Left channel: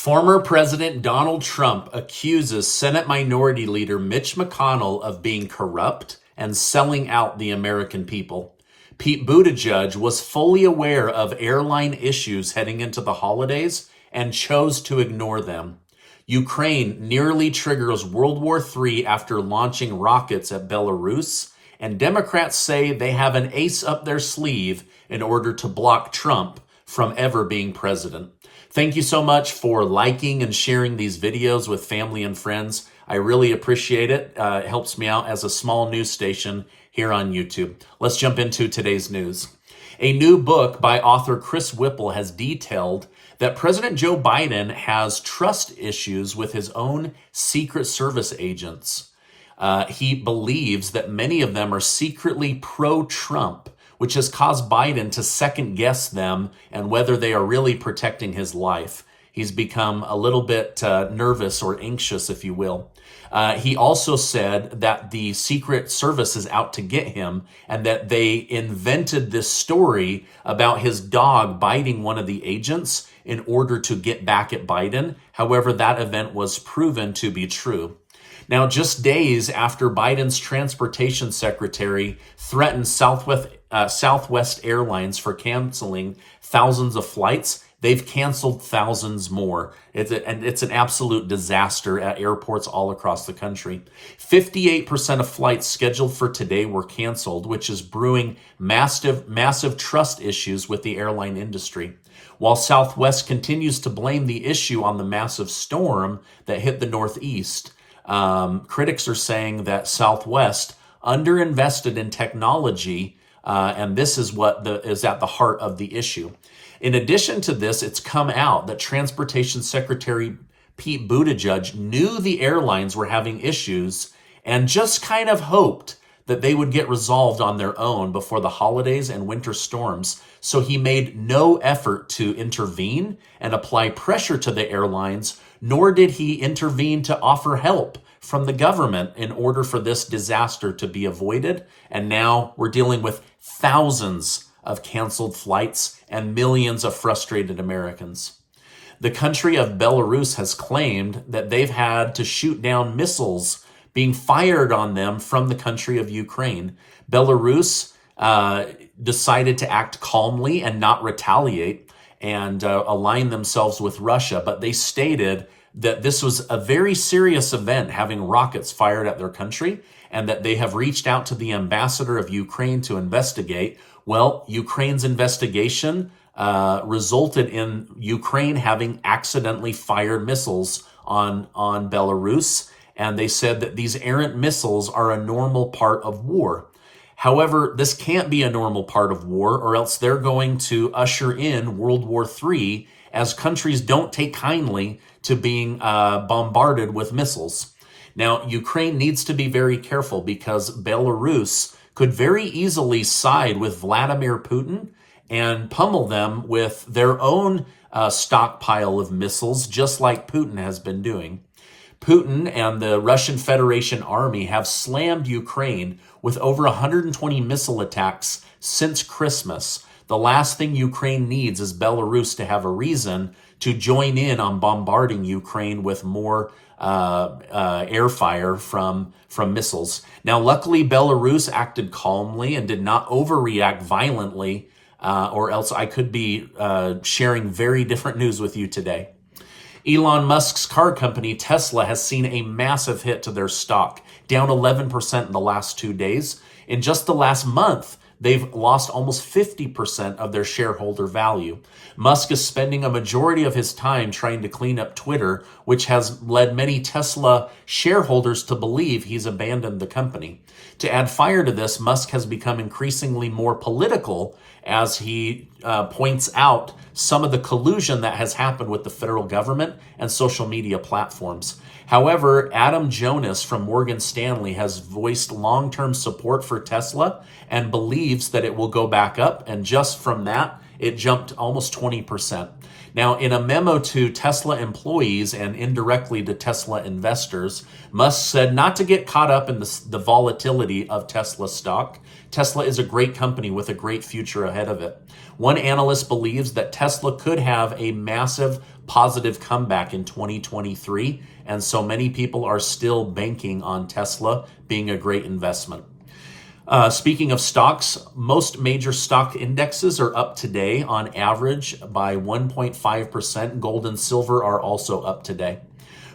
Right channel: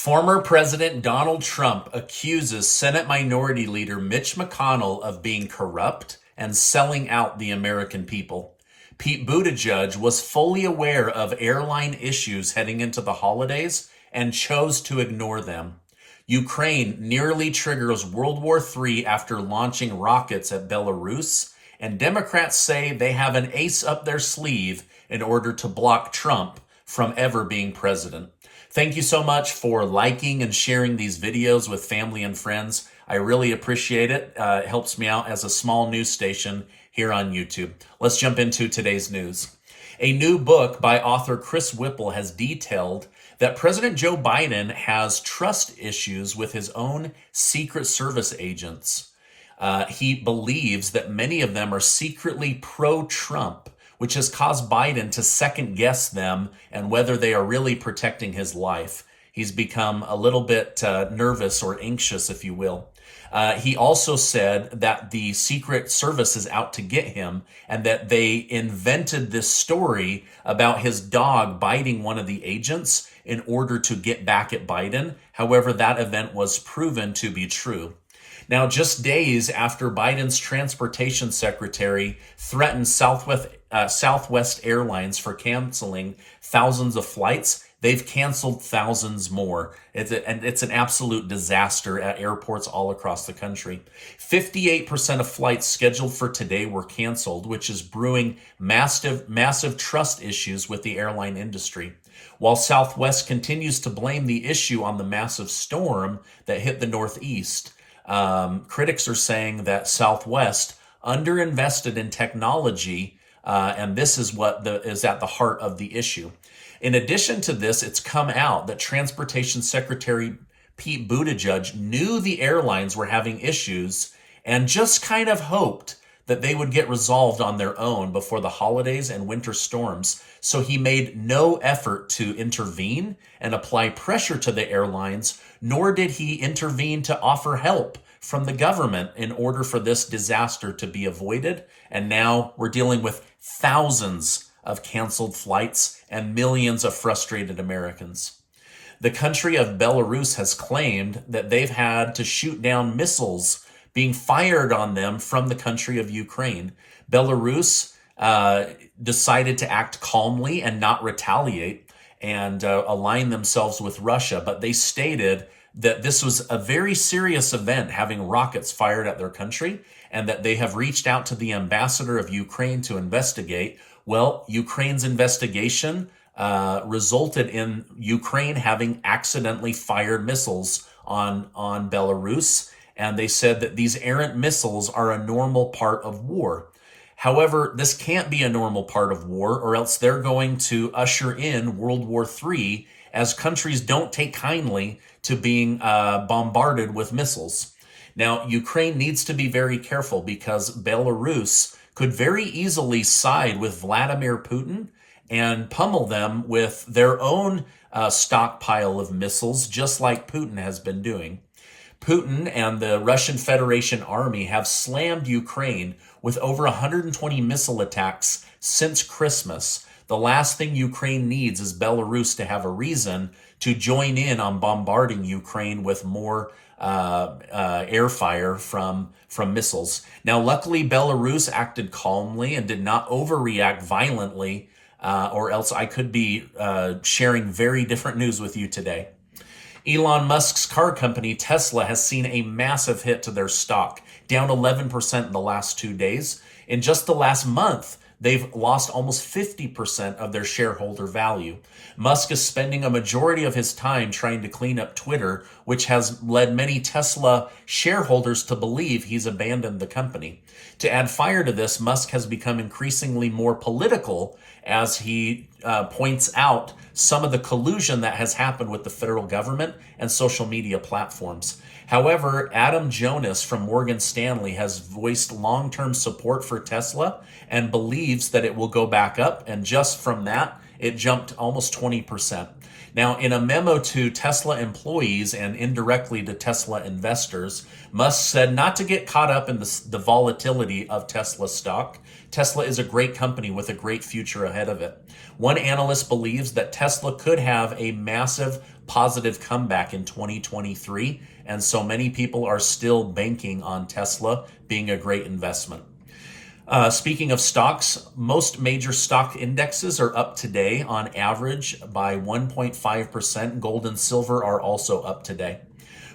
Former President Donald Trump accuses Senate Minority Leader Mitch McConnell of being corrupt and selling out the American people. Pete Buttigieg was fully aware of airline issues heading into the holidays and chose to ignore them. Ukraine nearly triggers World War III after launching rockets at Belarus, and Democrats say they have an ace up their sleeve in order to block Trump from ever being president. Thank you so much for liking and sharing these videos with family and friends. I really appreciate it. It helps me out as a small news station here on YouTube. Let's jump into today's news. A new book by author Chris Whipple has detailed that President Joe Biden has trust issues with his own Secret Service agents. He believes that many of them are secretly pro-Trump, which has caused Biden to second guess them and whether they are really protecting his life. He's become a little bit nervous or anxious, if you will. He also said that the Secret Service is out to get him and that they invented this story about his dog biting one of the agents in order to get back at Biden. However, that event was proven to be true. Now, just days after Biden's transportation secretary threatened Southwest Airlines for canceling thousands of flights, they've canceled thousands more. It's an absolute disaster at airports all across the country. 58% of flights scheduled for today were canceled, which is brewing massive trust issues with the airline industry. While Southwest continues to blame the issue on the massive storm that hit the Northeast, critics are saying that Southwest underinvested in technology, and this is what is at the heart of the issue. In addition to this, it's come out that Transportation Secretary Pete Buttigieg knew the airlines were having issues and just kind of hoped that they would get resolved on their own before the holidays and winter storms. So he made no effort to intervene and apply pressure to the airlines, nor did he intervene to offer help from the government in order for this disaster to be avoided. And now we're dealing with thousands of canceled flights and millions of frustrated Americans. The country of Belarus has claimed that they've had to shoot down missiles being fired on them from the country of Ukraine. Belarus decided to act calmly and not retaliate and align themselves with Russia, but they stated that this was a very serious event, having rockets fired at their country, and that they have reached out to the ambassador of Ukraine to investigate. Well, Ukraine's investigation resulted in Ukraine having accidentally fired missiles on Belarus, and they said that these errant missiles are a normal part of war. However, this can't be a normal part of war, or else they're going to usher in World War III, as countries don't take kindly to being bombarded with missiles. Now, Ukraine needs to be very careful because Belarus could very easily side with Vladimir Putin and pummel them with their own stockpile of missiles, just like Putin has been doing. Putin and the Russian Federation Army have slammed Ukraine with over 120 missile attacks since Christmas. The last thing Ukraine needs is Belarus to have a reason to join in on bombarding Ukraine with more air fire from missiles. Now, luckily, Belarus acted calmly and did not overreact violently, or else I could be sharing very different news with you today. Elon Musk's car company, Tesla, has seen a massive hit to their stock, down 11% in the last 2 days. In just the last month, they've lost almost 50% of their shareholder value. Musk is spending a majority of his time trying to clean up Twitter, which has led many Tesla shareholders to believe he's abandoned the company. To add fire to this, Musk has become increasingly more political as he points out some of the collusion that has happened with the federal government and social media platforms. However, Adam Jonas from Morgan Stanley has voiced long-term support for Tesla and believes that it will go back up, and just from that, it jumped almost 20%. Now, in a memo to Tesla employees and indirectly to Tesla investors, Musk said not to get caught up in the volatility of Tesla stock. Tesla is a great company with a great future ahead of it. One analyst believes that Tesla could have a massive positive comeback in 2023. And so many people are still banking on Tesla being a great investment. Speaking of stocks, most major stock indexes are up today on average by 1.5%. Gold and silver are also up today.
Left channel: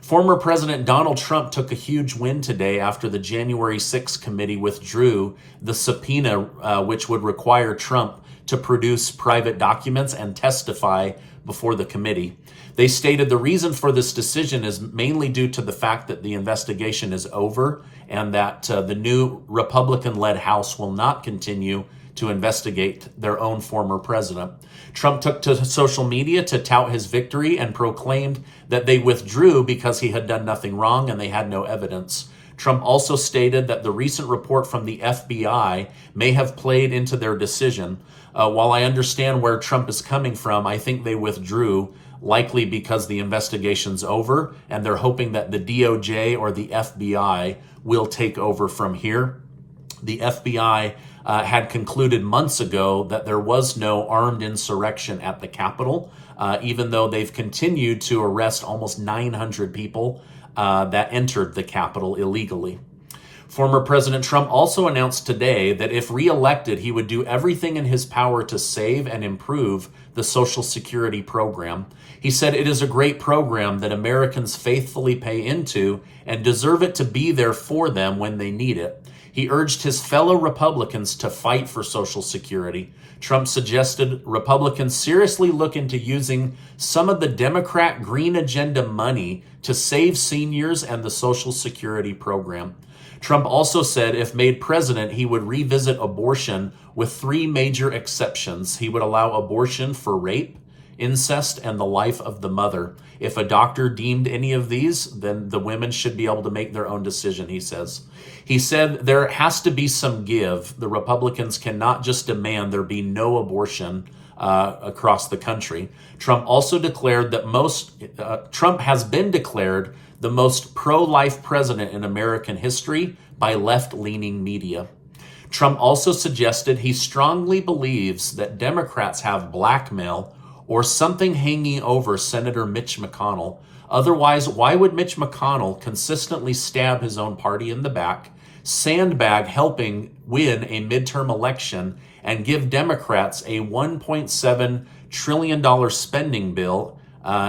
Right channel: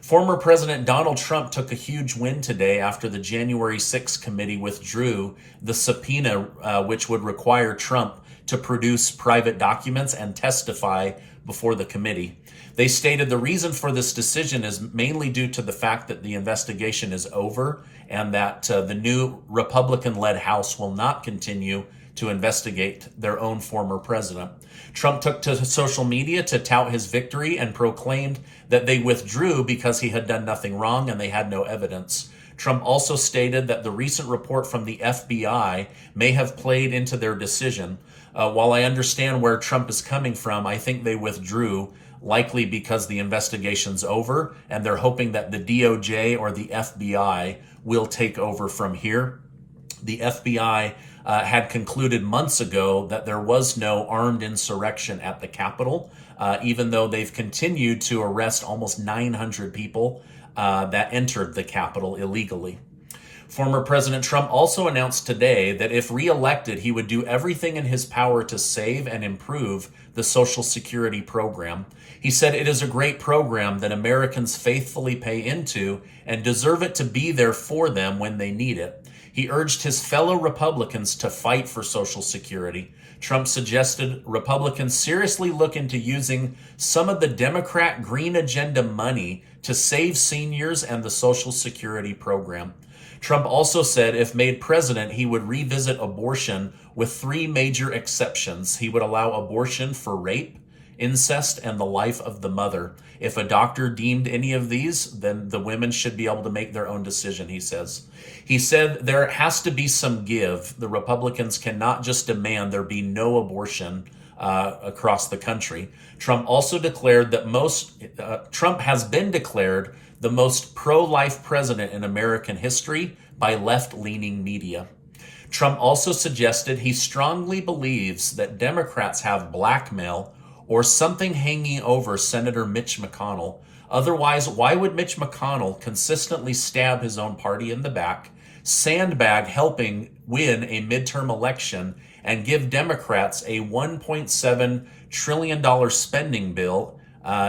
Former President Donald Trump took a huge win today after the January 6th committee withdrew the subpoena, which would require Trump to produce private documents and testify before the committee. They stated the reason for this decision is mainly due to the fact that the investigation is over and that the new Republican-led House will not continue to investigate their own former president. Trump took to social media to tout his victory and proclaimed that they withdrew because he had done nothing wrong and they had no evidence. Trump also stated that the recent report from the FBI may have played into their decision. While I understand where Trump is coming from, I think they withdrew likely because the investigation's over and they're hoping that the DOJ or the FBI will take over from here. The FBI had concluded months ago that there was no armed insurrection at the Capitol, even though they've continued to arrest almost 900 people that entered the Capitol illegally. Former President Trump also announced today that if reelected, he would do everything in his power to save and improve the Social Security program. He said it is a great program that Americans faithfully pay into and deserve it to be there for them when they need it. He urged his fellow Republicans to fight for Social Security. Trump suggested Republicans seriously look into using some of the Democrat Green Agenda money to save seniors and the Social Security program. Trump also said if made president, he would revisit abortion with 3 major exceptions. He would allow abortion for rape, incest, and the life of the mother. If a doctor deemed any of these, then the women should be able to make their own decision, he says. He said there has to be some give. The Republicans cannot just demand there be no abortion across the country. Trump also declared that Trump has been declared the most pro-life president in American history by left-leaning media. Trump also suggested he strongly believes that Democrats have blackmail or something hanging over Senator Mitch McConnell. Otherwise, why would Mitch McConnell consistently stab his own party in the back, sandbag helping win a midterm election, and give Democrats a $1.7 trillion spending bill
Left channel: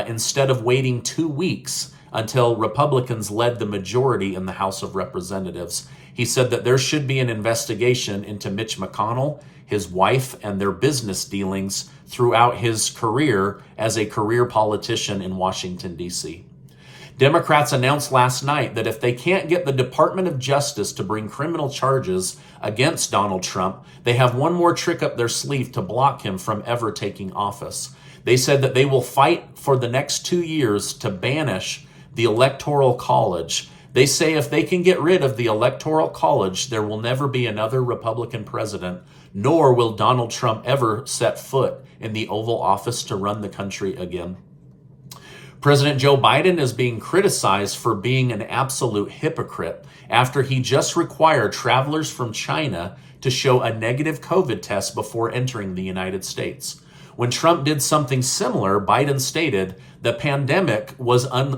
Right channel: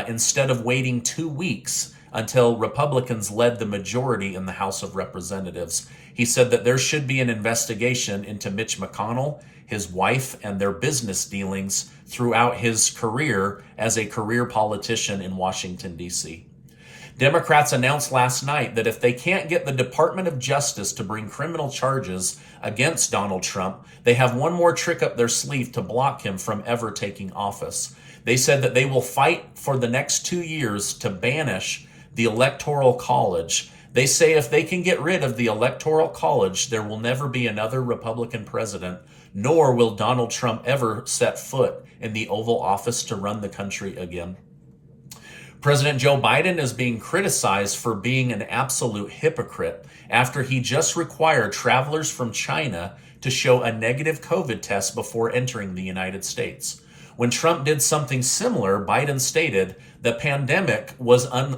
instead of waiting 2 weeks until Republicans led the majority in the House of Representatives? He said that there should be an investigation into Mitch McConnell, his wife, and their business dealings throughout his career as a career politician in Washington, D.C. Democrats announced last night that if they can't get the Department of Justice to bring criminal charges against Donald Trump, they have one more trick up their sleeve to block him from ever taking office. They said that they will fight for the next 2 years to banish the Electoral College. They say if they can get rid of the Electoral College, there will never be another Republican president, nor will Donald Trump ever set foot in the Oval Office to run the country again. President Joe Biden is being criticized for being an absolute hypocrite after he just required travelers from China to show a negative COVID test before entering the United States. When Trump did something similar, Biden stated the pandemic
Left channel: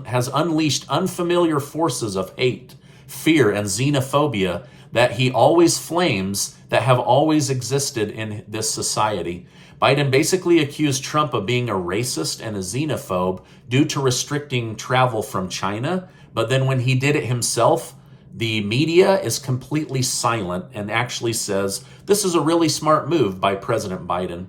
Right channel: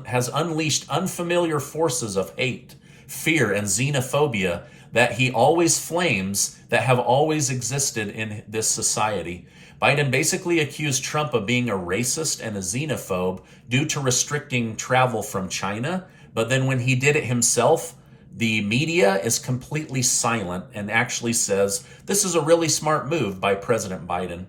has unleashed unfamiliar forces of hate, fear, and xenophobia that he always flames that have always existed in this society. Biden basically accused Trump of being a racist and a xenophobe due to restricting travel from China. But then when he did it himself, the media is completely silent and actually says, this is a really smart move by President Biden.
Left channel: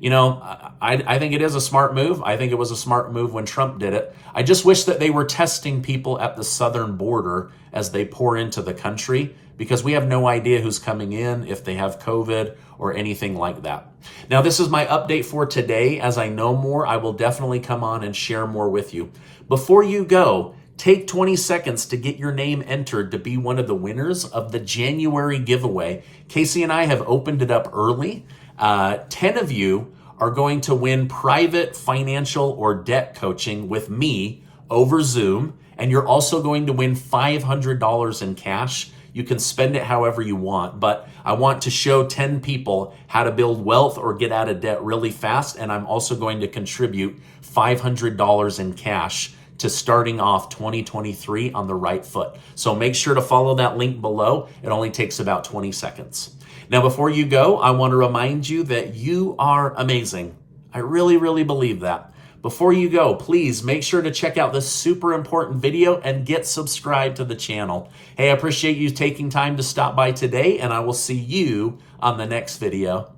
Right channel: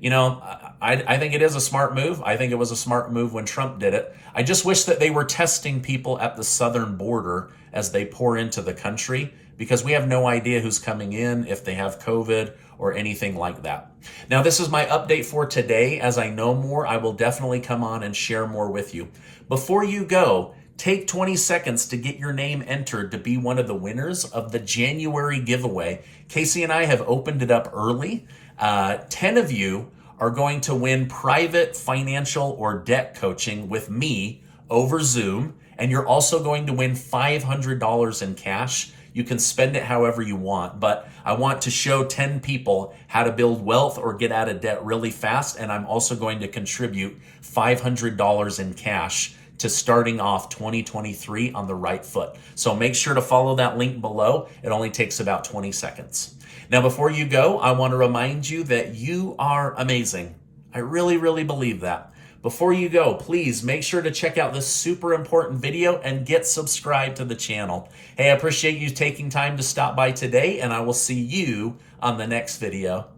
You know, I think it is a smart move. I think it was a smart move when Trump did it. I just wish that they were testing people at the southern border as they pour into the country, because we have no idea who's coming in, if they have COVID or anything like that. Now, this is my update for today. As I know more, I will definitely come on and share more with you. Before you go, take 20 seconds to get your name entered to be one of the winners of the January giveaway. Casey and I have opened it up early. 10 of you are going to win private financial or debt coaching with me over Zoom, and you're also going to win $500 in cash. You can spend it however you want, but I want to show 10 people how to build wealth or get out of debt really fast. And I'm also going to contribute $500 in cash to starting off 2023 on the right foot. So make sure to follow that link below. It only takes about 20 seconds. Now, before you go, I want to remind you that you are amazing. I really, really believe that. Before you go, please make sure to check out this super important video and get subscribed to the channel. Hey, I appreciate you taking time to stop by today, and I will see you on the next video.